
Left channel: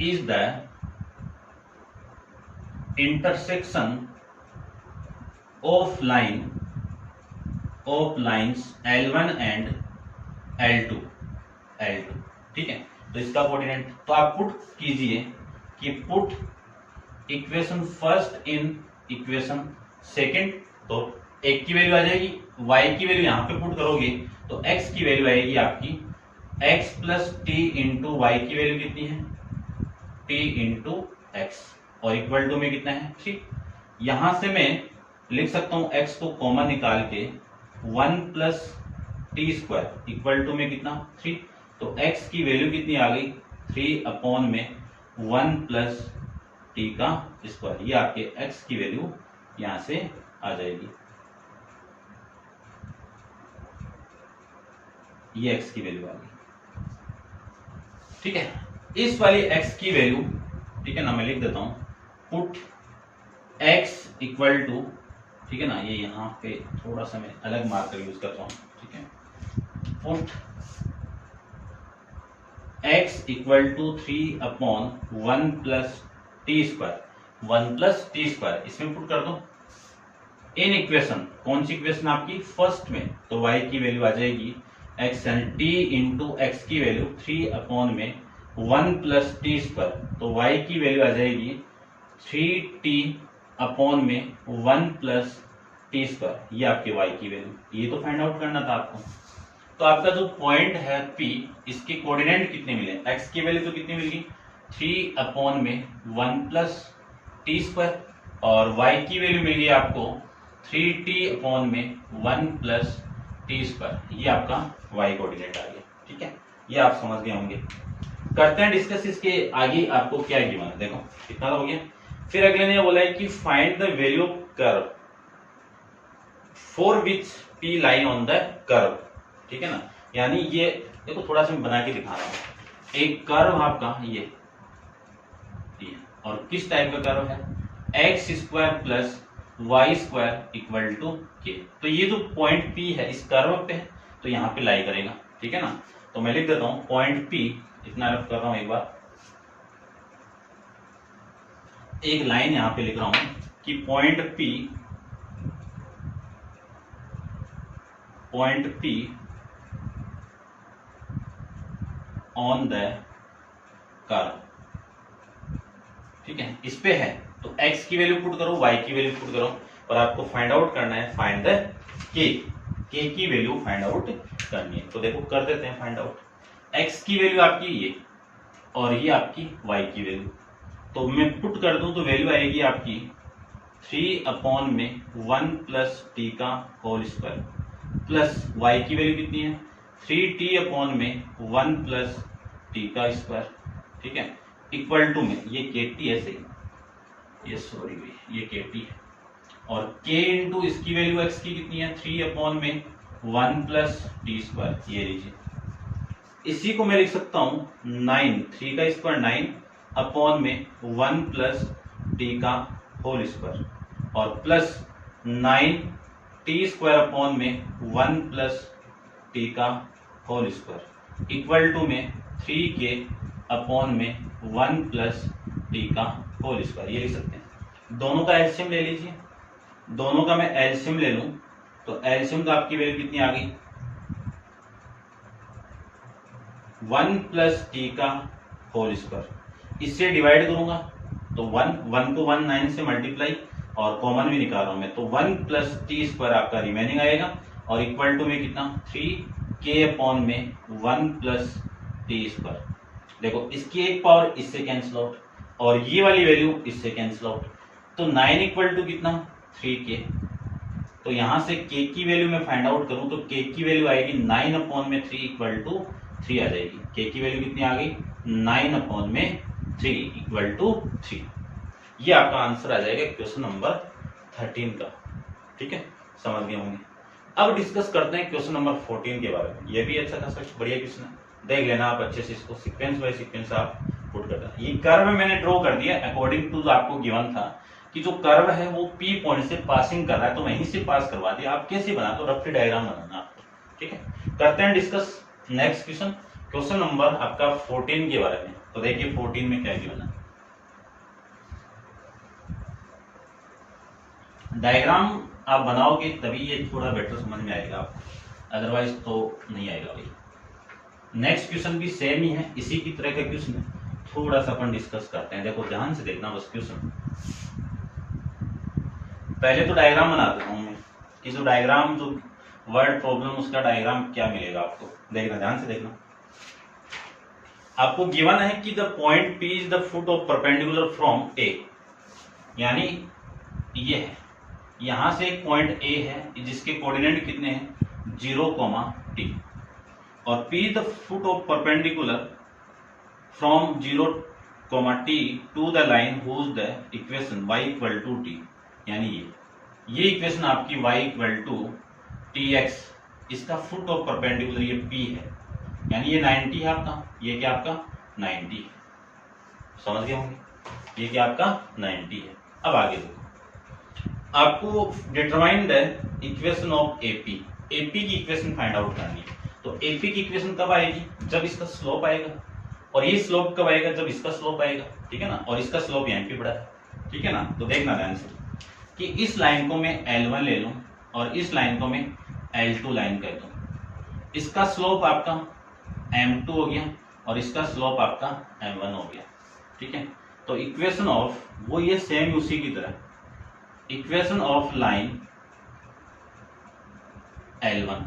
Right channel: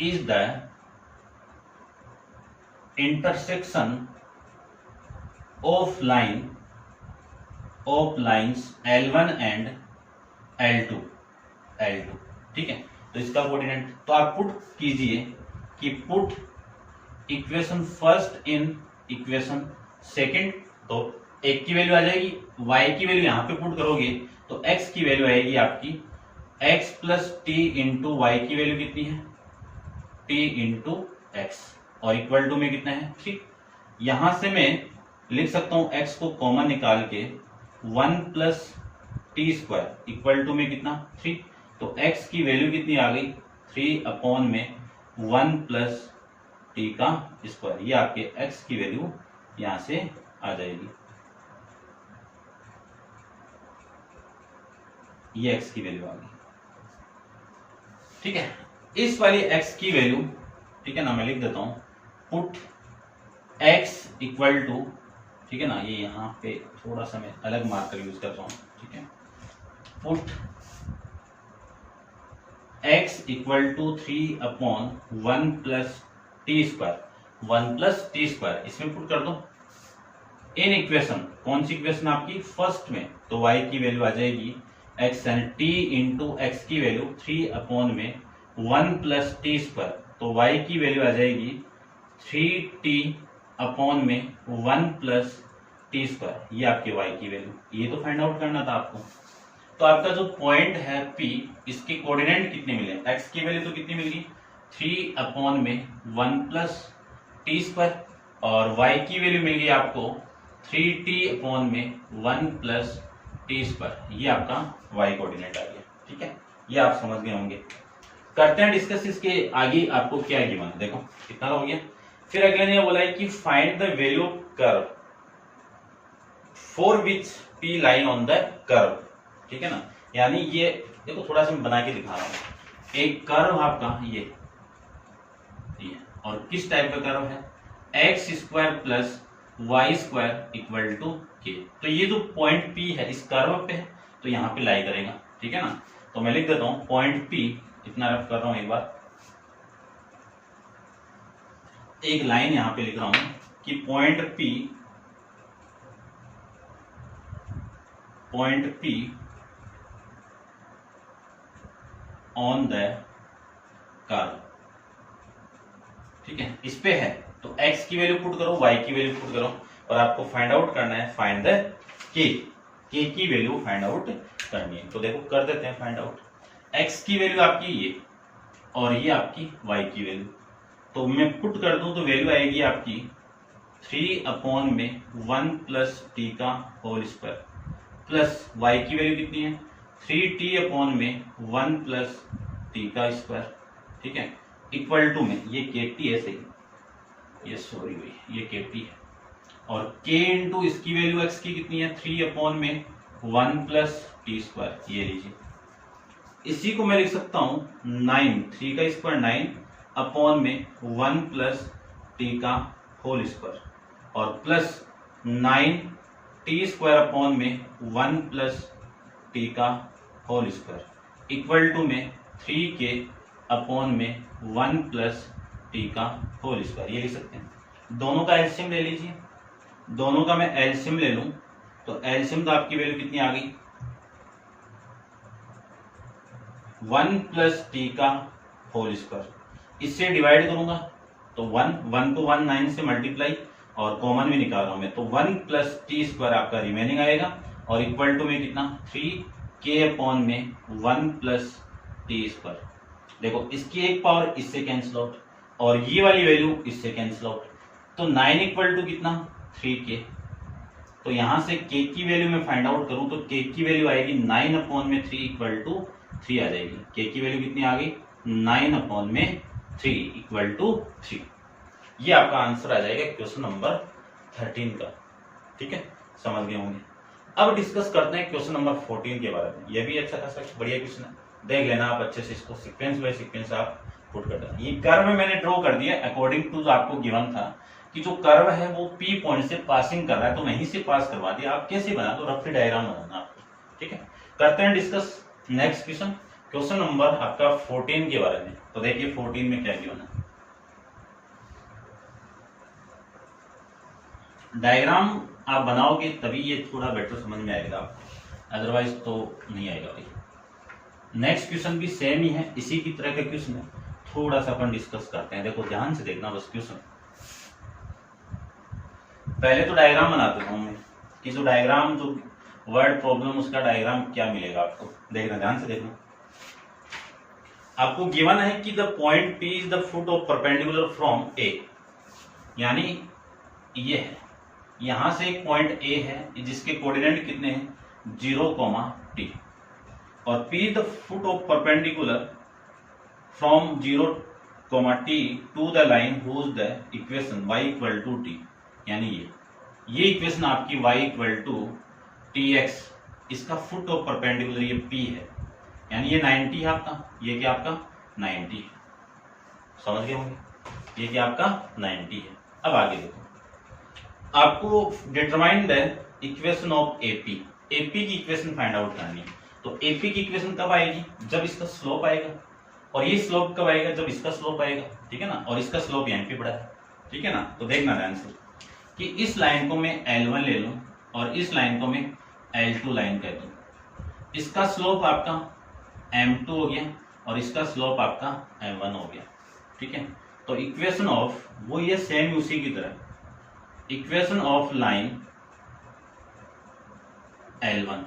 is the intersection of lines L1 and L2, ठीक है। तो इसका कोऑर्डिनेट तो आप पुट कीजिए कि put equation first in equation second, तो एक की वैल्यू आ जाएगी, y की वैल्यू यहां पे पुट करोगे तो x की वैल्यू आएगी आपकी x plus T into Y की वैल्यू कितनी है t इंटू एक्स, और इक्वल टू में कितना है 3। यहां से मैं लिख सकता हूं x को कॉमन निकाल के 1 plus T square equal to में कितना 3, तो x की वैल्यू कितनी आ गई 3 अपॉन में 1 प्लस टी का स्क्वायर, ये आपके x की वैल्यू यहां से आ जाएगी, ये x की वैल्यू आ गई, ठीक है। इस वाली x की वैल्यू, ठीक है ना, मैं लिख देता हूं पुट x इक्वल टू, ठीक है ना, ये यहां पे थोड़ा सा मैं अलग मार्कर यूज करता हूं, ठीक है। Put x equal to 3 upon 1 plus T square, 1 plus T square इसमें पुट कर दो इन इक्वेशन, कौन सी इक्वेशन आपकी फर्स्ट में, तो y की वैल्यू आ जाएगी x and t into x की वैल्यू 3 अपॉन में 1 प्लस टी स्क्वायर, तो y की वैल्यू आ जाएगी 3t अपॉन में 1 प्लस टी स्क्वायर, ये आपके y की वैल्यू, ये तो फाइंड आउट करना था आपको। तो आपका जो पॉइंट है P, इसके कोऑर्डिनेट कितने मिले, x की वैल्यू तो कितनी मिलेगी 3 अपॉन में 1 प्लस टी स्क्वायर, और y की वैल्यू मिली आपको 3t अपॉन में 1 प्लस टी स्क्वायर, ये आपका y कोऑर्डिनेट आ गया, ठीक है। ये आप समझ गए होंगे। करते हैं डिस्कस इसके आगे, आपको क्या गिवन है, देखो कितना हो गया। फिर अगले ने बोला है कि find the value curve for which t line on the curve, ठीक है ना। यानी ये देखो थोड़ा सा मैं बना के दिखा रहा हूं, एक कर्व आपका ये, और किस टाइप का कर्व है X square plus Y square equal to के, तो ये जो पॉइंट P है इस कर्व पे है, तो यहाँ पे लाई करेगा, ठीक है ना। तो मैं लिख देता हूं पॉइंट P, इतना रफ कर रहा हूं, एक बार एक लाइन यहां पे लिख रहा हूं कि point P on the curve, ठीक है, इस पे है, तो x की वैल्यू पुट करो, y की वैल्यू पुट करो, और आपको फाइंड आउट करना है फाइंड द k की वैल्यू फाइंड आउट करनी है। तो देखो कर देते हैं फाइंड आउट, x की वैल्यू आपकी ये, और ये आपकी y की वैल्यू, तो मैं पुट कर दूं तो वैल्यू आएगी आपकी 3 अपॉन में 1 प्लस टी का होल स्क्वायर, प्लस y की वैल्यू कितनी है 3t अपॉन में 1 प्लस टी का स्क्वायर, ठीक है, इक्वल टू में ये kt है, सही, ये सॉरी भाई ये kt है, और k इंटू इसकी वैल्यू x की कितनी है 3 अपॉन में 1 प्लस टी स्क्वायर, ये लीजिए। इसी को मैं लिख सकता हूं 9, 3 का स्क्वायर 9 अपॉन में 1 प्लस टी का होल स्क्वायर, और प्लस 9 टी स्क्वायर अपॉन में 1 प्लस टी का होल स्क्वायर इक्वल टू में 3k अपॉन में 1 प्लस टी का होल स्क्वायर, ये लिख सकते हैं। दोनों का एलसीएम ले लीजिए, दोनों का मैं एलसीएम ले लूं तो एलसीएम तो आपकी वैल्यू कितनी आ गई 1 प्लस टी का होल स्क्वायर, इससे डिवाइड करूंगा तो 1 को 1 9 से मल्टीप्लाई, और कॉमन भी निकाल रहा हूं मैं, तो 1 प्लस टी स्क्वायर आपका रिमेनिंग आएगा, और इक्वल टू में कितना 3k अपॉन में 1 प्लस टी स्क्वायर। देखो इसकी एक पावर इससे कैंसिल आउट और ये वाली वैल्यू इससे कैंसिल आउट, तो 9 इक्वल टू कितना 3k। तो यहां से k की वैल्यू मैं फाइंड आउट करूं तो k की वैल्यू आएगी 9 अपॉन में 3 इक्वल टू 3 आ जाएगी। k की वैल्यू कितनी आ गई 9 अपॉन में 3 इक्वल टू 3। ये आपका आंसर आ जाएगा क्वेश्चन नंबर 13 का। ठीक है, समझ गए होंगे। अब डिस्कस करते हैं क्वेश्चन नंबर 14 के बारे में। ये भी अच्छा खासा बढ़िया क्वेश्चन है, देख लेना आप अच्छे से, इसको सीक्वेंस बाय सीक्वेंस आप पुट कर देना। ये कर्व मैंने ड्रॉ कर दिया अकॉर्डिंग टू जो आपको गिवन था कि जो कर्व है वो P पॉइंट से पासिंग कर रहा है, तो वहीं से पास करवा दिया। आप कैसे बना, तो रफली डायग्राम बनाना आपको। ठीक है, करते हैं discuss next question, question number आपका 14 के बारे में। तो देखिए 14 में क्या गिवन है। डायग्राम आप बनाओगे तभी ये थोड़ा बेटर समझ में आएगा आपको, अदरवाइज तो नहीं आएगा भाई। नेक्स्ट क्वेश्चन भी सेम ही है, इसी की तरह का क्वेश्चन है, थोड़ा सा अपन डिस्कस करते हैं। देखो ध्यान से देखना बस क्वेश्चन। पहले तो डायग्राम बना देता हूं मैं कि जो डायग्राम जो वर्ड प्रॉब्लम उसका डायग्राम क्या मिलेगा आपको, देखना ध्यान से देखना। आपको गिवन है कि the point P is the foot of perpendicular from A, यानी ये है, यहां से एक पॉइंट A है जिसके कोऑर्डिनेट कितने हैं 0, t, और P the foot of perpendicular from 0, t to the line whose the equation y equal to t, यानी ये इक्वेशन आपकी y इक्वल टू tx, इसका फुट ऑफ परपेंडिकुलर ये P है, यानी ये 90 है आपका, ये क्या आपका 90 है। समझ गए होंगे, ये क्या आपका 90 है। अब आगे देखो, आपको determine the equation of AP, AP की इक्वेशन फाइंड आउट करनी है। तो AP की इक्वेशन कब आएगी, जब इसका स्लोप आएगा, और ये स्लोप कब आएगा, जब इसका स्लोप आएगा। ठीक है ना, और इसका स्लोप यहाँ पे बड़ा है। ठीक है ना, तो देखना ध्यान से कि इस लाइन को मैं L1 ले लूं और इस लाइन को मैं L2 लाइन कर दूं। इसका स्लोप आपका M2 हो गया और इसका स्लोप आपका M1 हो गया। ठीक है, तो इक्वेशन ऑफ वो ये सेम उसी की तरह, equation of line L1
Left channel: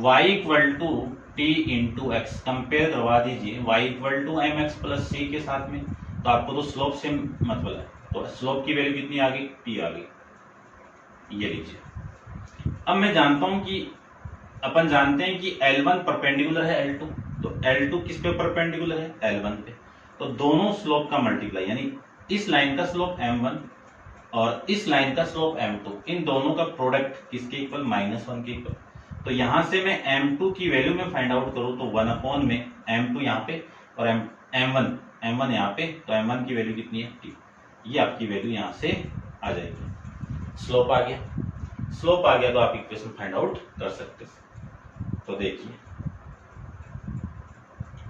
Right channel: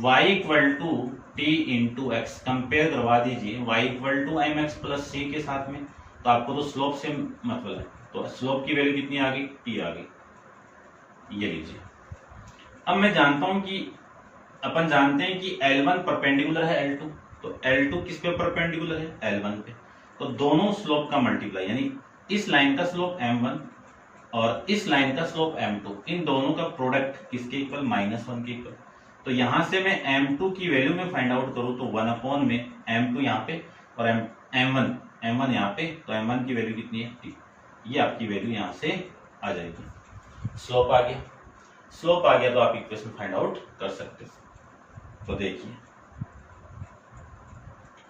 y equal to t into X, compare करवा दीजिए y equal to M X plus C के साथ में, तो आपको तो स्लोप से मतलब है, तो स्लोप की वैल्यू कितनी आ गई t आ गई। ये लीजिए। अब मैं जानता हूं कि अपन जानते हैं कि L1 परपेंडिकुलर है L2, तो L2 किस पे परपेंडिकुलर है L1 पे, तो दोनों स्लोप का मल्टीप्लाई, यानी इस लाइन का स्लोप M1 और इस लाइन का स्लोप M2, इन दोनों का प्रोडक्ट किसके इक्वल -1 के इक्वल। तो यहां से मैं M2 की वैल्यू में फाइंड आउट करूं तो 1 अपॉन में M2 यहाँ पे और M1 यहाँ पे, तो M1 की वैल्यू कितनी है t, ये आपकी वैल्यू यहाँ से आ जाएगी। स्लोप आ गया, स्लोप आ गया तो आप इक्वेशन फाइंड आउट कर सकते हो। तो देखिए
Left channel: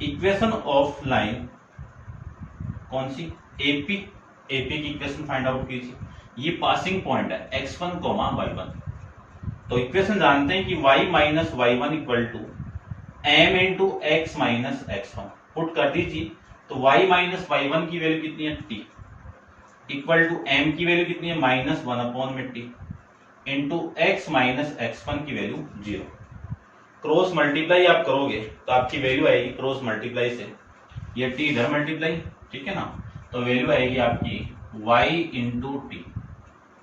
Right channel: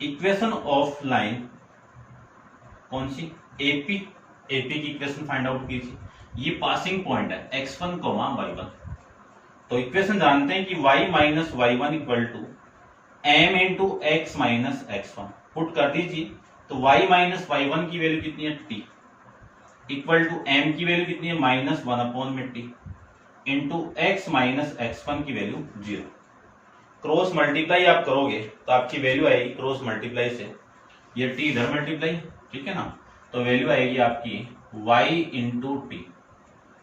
इक्वेशन ऑफ लाइन कौन सी AP की इक्वेशन फाइंड आउट कीजिए। ये पासिंग पॉइंट है x1, y1, तो इक्वेशन जानते हैं कि y minus y1 equal to m into X minus x1, put कर दीजिए तो y माइनस y1 की वैल्यू कितनी है t, इक्वल टू m की वैल्यू कितनी है -1 अपॉन में t, into x minus x1 की वैल्यू 0। क्रॉस मल्टीप्लाई आप करोगे तो आपकी वैल्यू आएगी क्रॉस मल्टीप्लाई से, ये t इधर मल्टीप्लाई, ठीक है ना, तो वैल्यू आएगी आपकी y into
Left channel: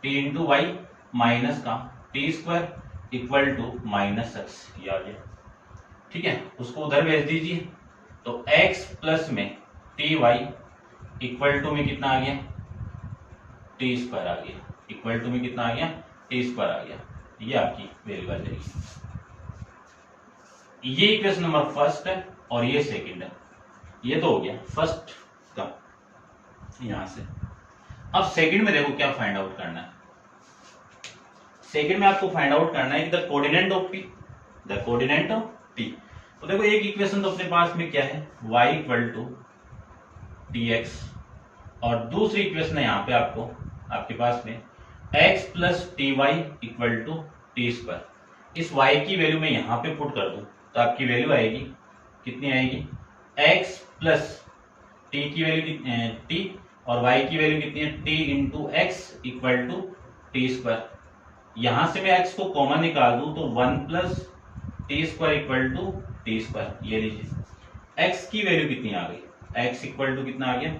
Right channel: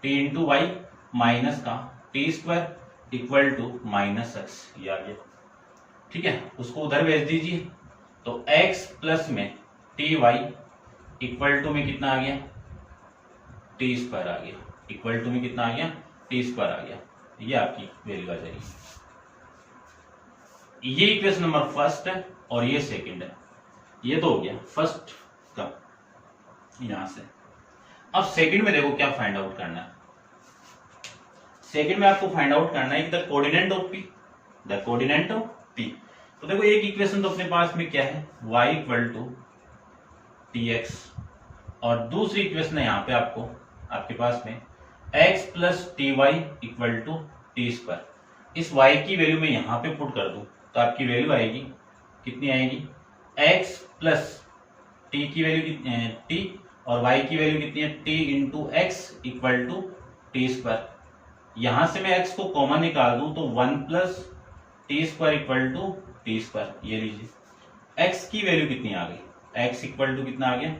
t into Y minus का T square equal to -x, ये आ गया। ठीक है, उसको उधर भेज दीजिए तो x प्लस में टी वाई इक्वल टू में कितना आ गया टी स्क्वायर आ गया, इक्वल टू में कितना आ गया टी स्क्वायर आ गया, ये आपकी वैल्यू आ जाएगी। ये इक्वेशन नंबर फर्स्ट है और ये सेकंड है, ये तो हो गया फर्स्ट का यहां से। अब सेकंड में देखो क्या फाइंड आउट करना है। सेकंड में आपको फाइंड आउट करना है कि the coordinate of P, the coordinate of P। तो देखो एक इक्वेशन तो अपने पास में क्या है y इक्वल टू tx, और दूसरी इक्वेशन है यहाँ पे आपके पास में x plus T Y equal to T square. इस y की वैल्यू में यहाँ पे पुट कर दूं तो आपकी वैल्यू आएगी कितनी आएगी x प्लस t की वैल्यू कितनी है t, और y की वैल्यू कितनी है t into X equal to T square, यहां से मैं x को कॉमन निकाल दूं तो 1 plus T square equal to T square. ये लीजिए x की वैल्यू कितनी आ गई, x इक्वल टू कितना आ गया,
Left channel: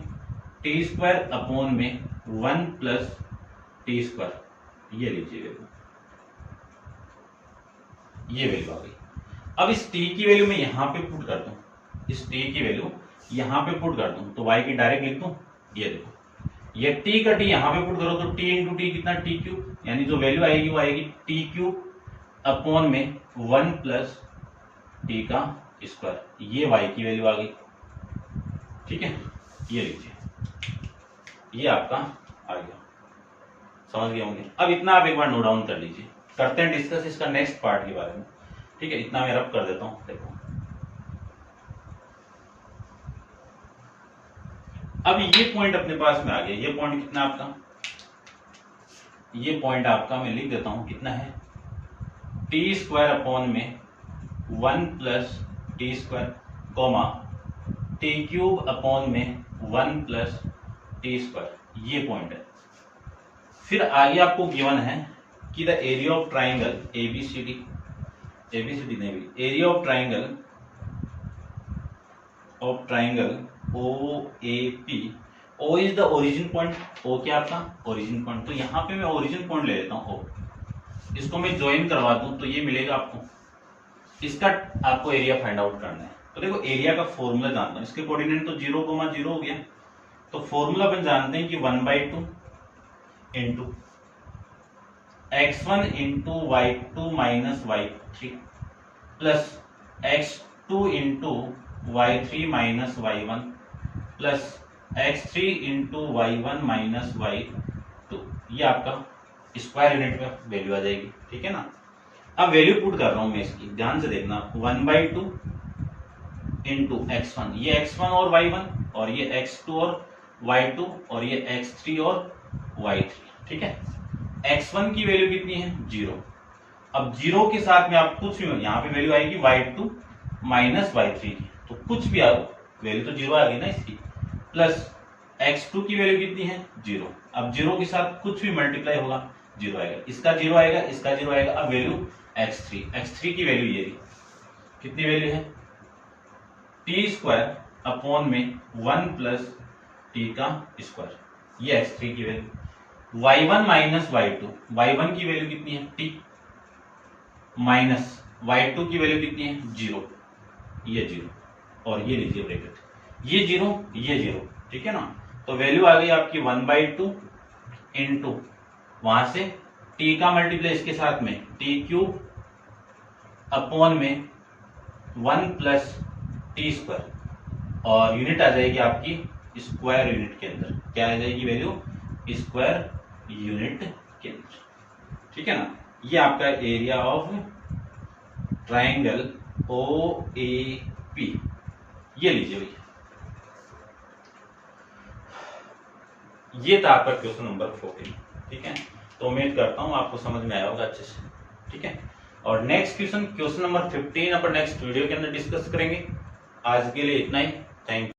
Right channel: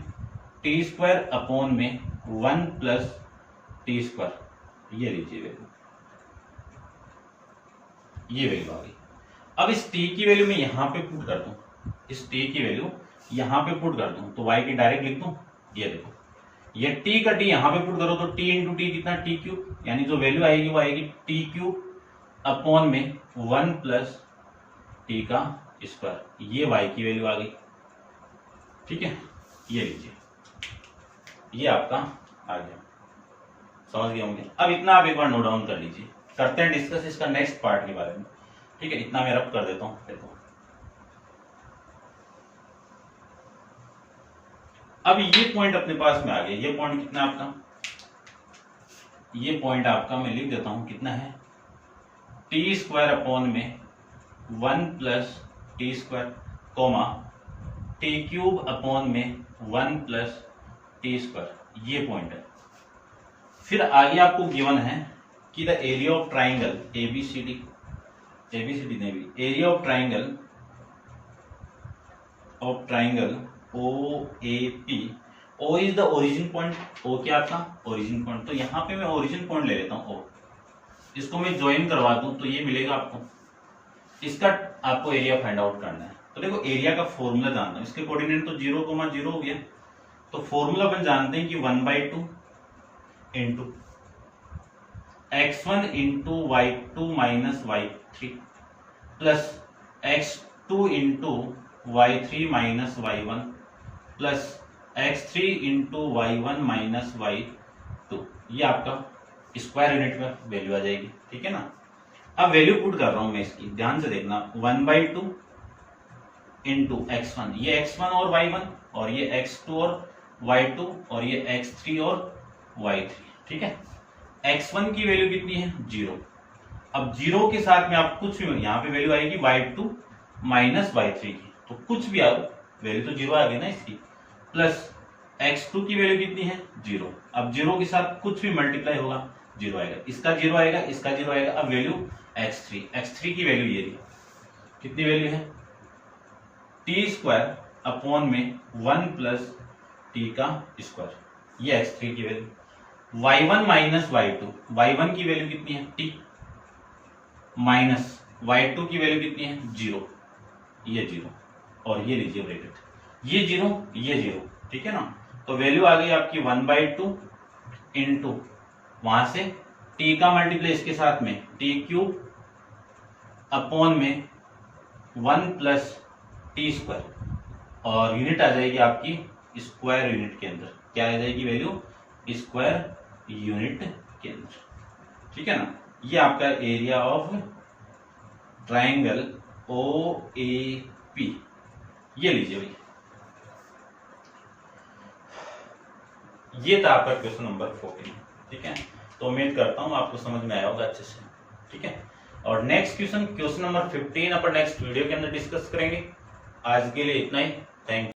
टी स्क्वायर अपॉन में 1 प्लस टी स्क्वायर। ये लीजिए वैल्यू, ये वैल्यू आ गई। अब इस t की वैल्यू मैं यहां पे पुट कर दूं, इस t की वैल्यू यहां पे पुट कर दूं तो y की डायरेक्ट लिख दूं। ये देखो, ये t का t यहां पे पुट करो तो t इंटू टी कितना, टी क्यूब, यानी जो वैल्यू आएगी वो आएगी टी क्यूब अपॉन में 1 प्लस टी का स्क्वायर। ये y की वैल्यू आ गई, ठीक है। ये लीजिए, ये आपका आ गया, समझ गए होंगे। अब इतना आप एक बार नोट डाउन कर लीजिए, करते हैं डिस्कस इसका नेक्स्ट पार्ट के बारे में, ठीक है। इतना मैं रब कर देता हूं। देखो अब ये पॉइंट अपने पास में आ गया। ये पॉइंट कितना आपका, ये पॉइंट आपका मैं लिख देता हूं कितना है, टी स्क्वायर अपॉन में 1 plus T square comma T cube upon में 1 प्लस टी स्क्वायर। ये पॉइंट है। फिर आगे आपको गिवन है कि the area of triangle ABCD, ABCD नहीं भी, area of triangle OAP। O is the origin point, O क्या आपका ओरिजिन पॉइंट, तो यहां पे मैं ओरिजिन पॉइंट ले लेता हूं O। इसको मैं ज्वाइन करवा दूं तो ये मिलेगा आपको। इसका आपको एरिया फाइंड आउट करना है। तो देखो एरिया का फॉर्मूला जानना है, इसके कोऑर्डिनेट तो 0,0 हो गया, तो फॉर्मूला अपन जानते हैं कि 1/2 into x1 into y2 minus y3 plus x2 into y3 minus y1 plus x3 into y1 minus y2। ये आपका स्क्वायर यूनिट में वैल्यू आ जाएगी, ठीक है ना। अब वैल्यू पुट कर रहा हूं मैं इसकी, ध्यान से देखना, 1/2 इंटू x1, ये x1 और y1, और ये x2 और y2, और ये x3 और y3, ठीक है। x1 की वैल्यू कितनी है, 0। अब 0 के साथ में आप कुछ भी, यहाँ पे वैल्यू आएगी y2 माइनस y3 की, तो कुछ भी आओ वैल्यू तो 0 आ गई ना इसकी, प्लस x2 की वैल्यू कितनी है, 0। अब 0 के साथ कुछ भी मल्टीप्लाई होगा 0 आएगा, इसका 0 आएगा, इसका 0 आएगा। अब वैल्यू x3 की वैल्यू ये कितनी वैल्यू है, टी स्क्वायर अपॉन में 1 प्लस टी का स्क्वायर। ये x3 की value. y1 minus y2, y1 की वैल्यू कितनी है, t माइनस y2 की वैल्यू कितनी है, 0। ये 0 और ये लीजिए ब्रैकेट, ये 0 ये 0, ठीक है ना। तो वैल्यू आ गई आपकी 1/2 इंटू, वहां से t का मल्टीप्लाई इसके साथ में टी क्यूब अपॉन में 1 प्लस टी स्क्वायर, और यूनिट आ जाएगी आपकी स्क्वायर यूनिट के अंदर। क्या आ जाएगी वैल्यू, स्क्वायर यूनिट के अंदर, ठीक है ना। ये आपका एरिया ऑफ ट्राइंगल OAP। ये लीजिए, ये था आपका क्वेश्चन नंबर 14, ठीक है। तो उम्मीद करता हूं आपको समझ में आया होगा अच्छे से, ठीक है। और नेक्स्ट क्वेश्चन नंबर 15 अपन नेक्स्ट वीडियो के अंदर डिस्कस करेंगे। आज के लिए इतना ही, थैंक यू।